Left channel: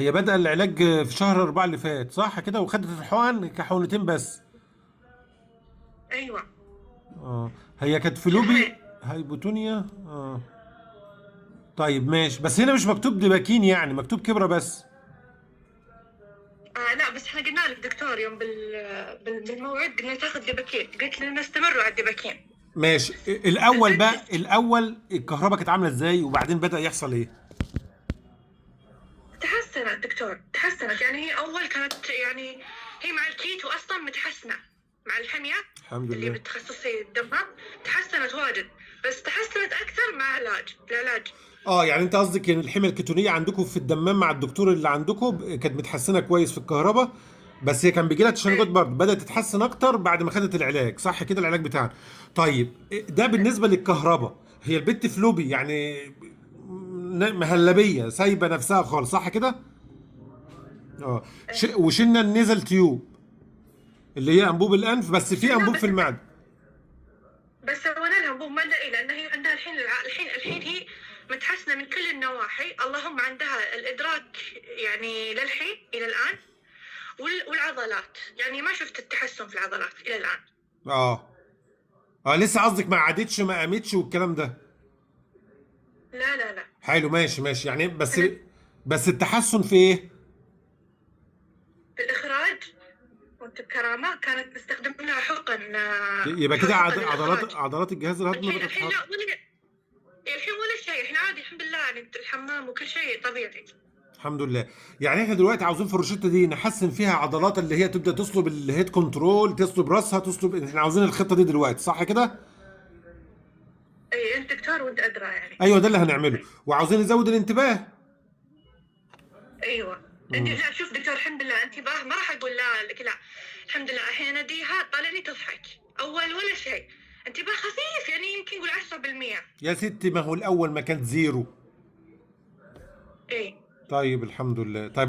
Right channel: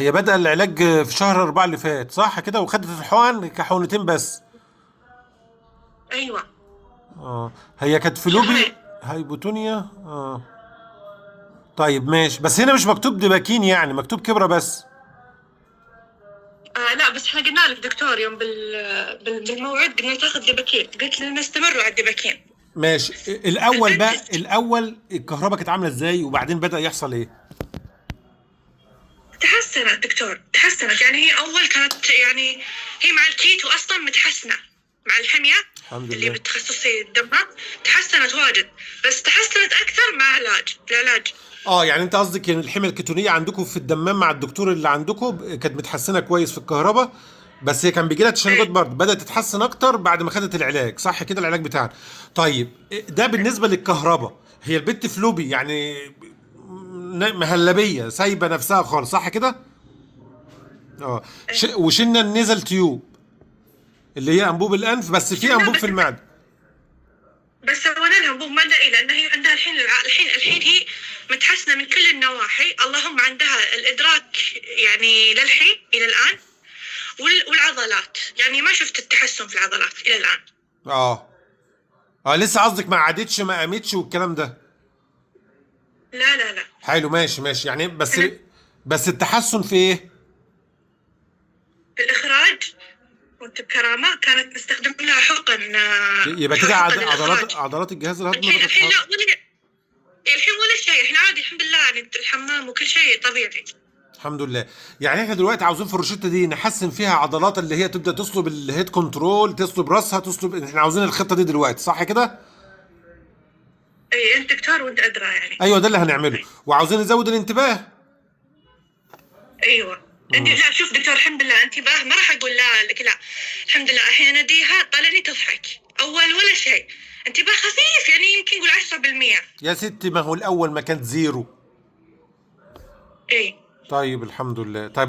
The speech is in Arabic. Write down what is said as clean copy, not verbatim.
هي بدأ العلاج في شهر 4 اللي فات صح كده، وخدت الحقن كحقنتين بس. ايوه. اه. هي كانت شهرين. فلوبي هايبوتونيا. اه. طيب ماشي، بس هنا مش مكتوب دباكين، يعني مكتوب كبرة بس. لا بس احنا قلنا لك دكتور يوم بالموعد قلنا تاخذ دباكين، قلت لنا استمروا على الدباكين. ماشي. الاول البنت بقى، الاول الكهرباء كانت عامله ازاي، وبعدين بدأ يحصل ايه؟ تحسنت دكتور، تحسنت. يعني هي اول كانت يعني هي مع الكيتو اصلا متحسنه، مع الحميه الحمد اللي لله. بتخصصي الدماغ تحسنت واجد، بس تحسنت اكثر مع العلاج. اه يعني انت قصدك ان الحمى الكتونيه عندكم في الدمام مع الدكتور اللي عندكم كانت متحسنه كويس في الكهرباء، بس هي كان بيجي لها تشنجات اي. برضه، بدات تتحسن اكتر بعد ما خدت العلاج صح كده، العلاج بتاعنا. طيب ده بالنسبه للكهرباء. هي البت فلوبي يعني مهلبيه سايبه نفسها خالص صح كده. اه. اي. وشلنا النزل تيوب اللي هي انبوب الانف، بس في شلنا انبوب في بس. المعده. بس سوينا لها انبوب مادة لان هي عندها الحين هي متحسنه من كل النواحي، اللهم عندها الادراك يعني للحين الى الان، والعضلات يعني ما شفت التحسن في العضلات الى الان. اه. اه لسه قصدك ما عادتش ما قامتش والكلام ده. لا لا لا. حلو ماشي ماشي يعني، بس كانت بس التحسن في ايه؟ في الاخراج، وانت بكرامه كانت نستخدم لها حقن، يبقى كده حقن عضلات للاخراج. عضلات الجهاز الهضمي بدأت الحين لا، تتحرك. الحين ولا شيء، احنا عادي الحمد لله، يعني الحمام وكل شيء طبيعي. الحمد لله. يعني احنا دلوقتي عاوزين في الروشته دي نحسن فيها عضلات اللي هي تبدا تصلب الهيد كنترول، تصلب راسها، تصلب، احنا عاوزين الخطه دي دلوقتي صح كده؟ اي انت دكتور وانت ادرى يعني. ايوه ده اللي هنعمله. وعاوزين نزود الانتباه. ايوه. انت امم. لا شوف دكتور، الحمد لله انتباه، ما راح اقول لا لك لا. الحمد لله الحين اناديها طالعني تضحك اول ولا شيء، انتباه خفيف يعني يمكن نقول 10%. يا ستي ما هو الاول ما كانت زيرو. اي. طيب الحمد لله. طيب